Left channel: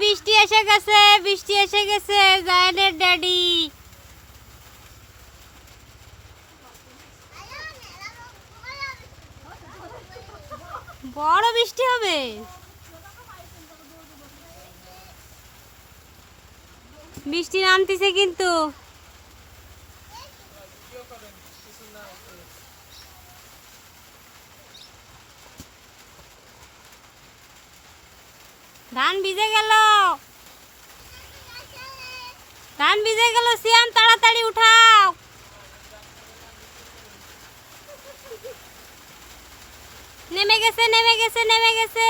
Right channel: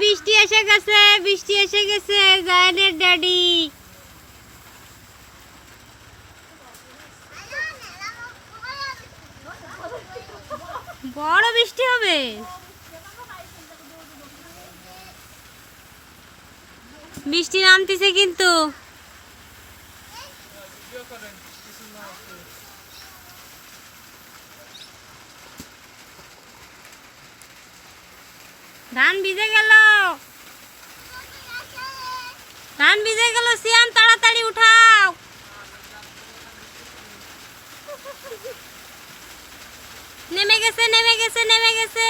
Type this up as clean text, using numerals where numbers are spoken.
বৃষ্টি এসে গেছে, বৃষ্টি এসে গেছে। জায়ানের ড্যাডি বড় বৃষ্টি হবে। বৃষ্টি নামতেছে কিন্তু। ধান ভিজে গেল, ধান ভিজে গেল। সিয়ান তাড়াতাড়ি উঠাও। নেমে গেছে, নেমে গেছে, নেমে গেছে।